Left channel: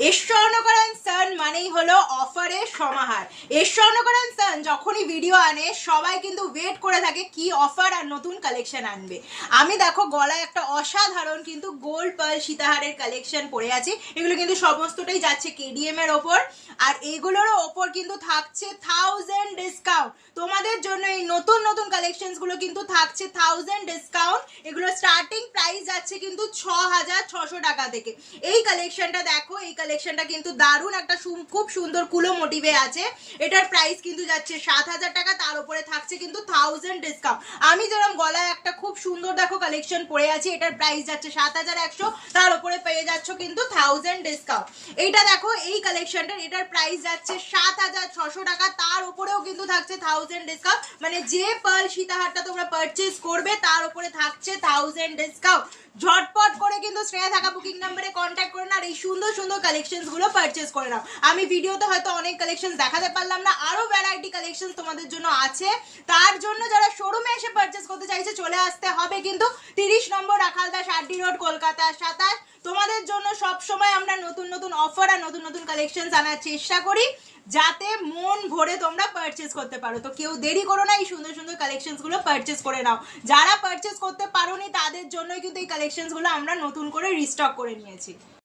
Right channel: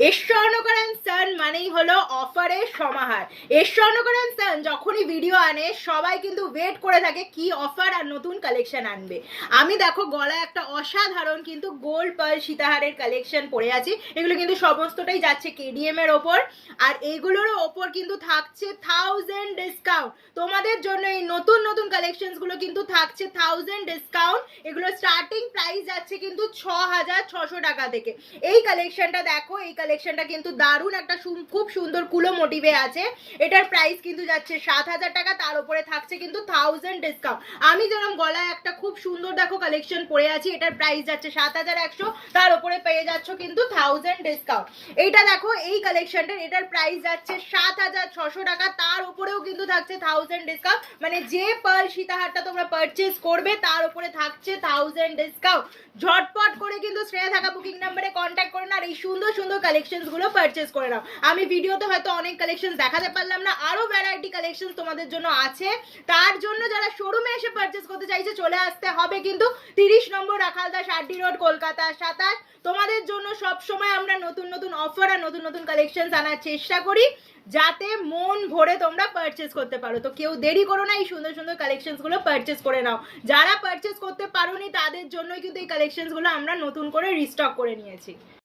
ঈশ্বরনগর and সান মানেই হলো অফারের সমাহার। ঈশ্বরনগর অ্যান্ড সান যখনই ভিডিও আনে সবাই কিন্তু ওয়েট করে থাকে কি অফার আর নতুন কালেকশন আনবে। আমি দেখো গলায় একটা অসাধারণ কিন্তু গোল্ড পার্ল সীতাহারের কালেকশন পরে আছি। এগুলো কিন্তু সমস্তটাই যাচ্ছে কেডিএম এর ওপর, আর এইগুলোরও ওপর কিন্তু থাকছে 1000 ডিসকাউন্ট। তোমাদের জন্য এই নতুন নতুন কালেকশনস গুলো কিন্তু থাকছে 1000 ডিসকাউন্ট। এগুলো স্টার্টিং প্রাইস যাচ্ছে কিন্তু 6600 টাকা থেকে। এই কালেকশনটা দেখো, এই কালেকশনটা কিন্তু দারুণ একটা খুব সুন্দর কুলো মোটিভে আছে। এটার প্রাইস কিন্তু যাচ্ছে 7000 টাকা, তার উপরে থাকছে কিন্তু 1000 ডিসকাউন্ট। আমি যেরকম গলায় একটা খুব সুন্দর দেখো কালেকশন পরে আছি, এটার প্রাইস যাচ্ছে 7100, তার উপরে পেয়ে যাচ্ছ কিন্তু 1000 ডিসকাউন্ট। এইটা দেখো, এই কালেকশনটার এটার প্রাইস যাচ্ছে 7600 টাকা, তার উপরেও কিন্তু থাকছে 1000 ডিসকাউন্ট। মানে যে পার্ল সীতাহারটা তোমরা পারচেজ করবে তার উপরে থাকছে 1000 ডিসকাউন্ট। ঝটপট করে কিন্তু শ্রেয়া থাকা বুকিং নাম্বারে কন্ট্যাক্ট করে না আর এই সুন্দর সুন্দর কালেকশনস গুলো পারচেজ করে নাও। আমি ভিডিওতে হয়তো অনেক কালেকশন দেখাতে পারলাম না, আরো ভ্যারাইটি কালেকশন তোমাদের জন্য আছে। তার জন্য যারা শোরুমে এসে পারচেজ করতে চাইছে চলে আসতে হবে কিন্তু 30 নম্বর রাখালদাস আরডি রোড, কলকাতা 27। তোমাদের জন্য সব সময় আমরা নতুন নতুন অফার আর নতুন নতুন কালেকশন আনার চেষ্টা করি যাতে মন ভরে তোমরা পারচেজ করতে পারো। তো কেউ দেরি করো না, এই সুন্দর সুন্দর কালেকশনস গুলো পারচেজ করে নাও। যারা পারচেজ করতে পারোনি তাদের জন্যই কিন্তু এই কালেকশনস গুলো আমরা নতুন করে রিস্টক করে নিয়েছি।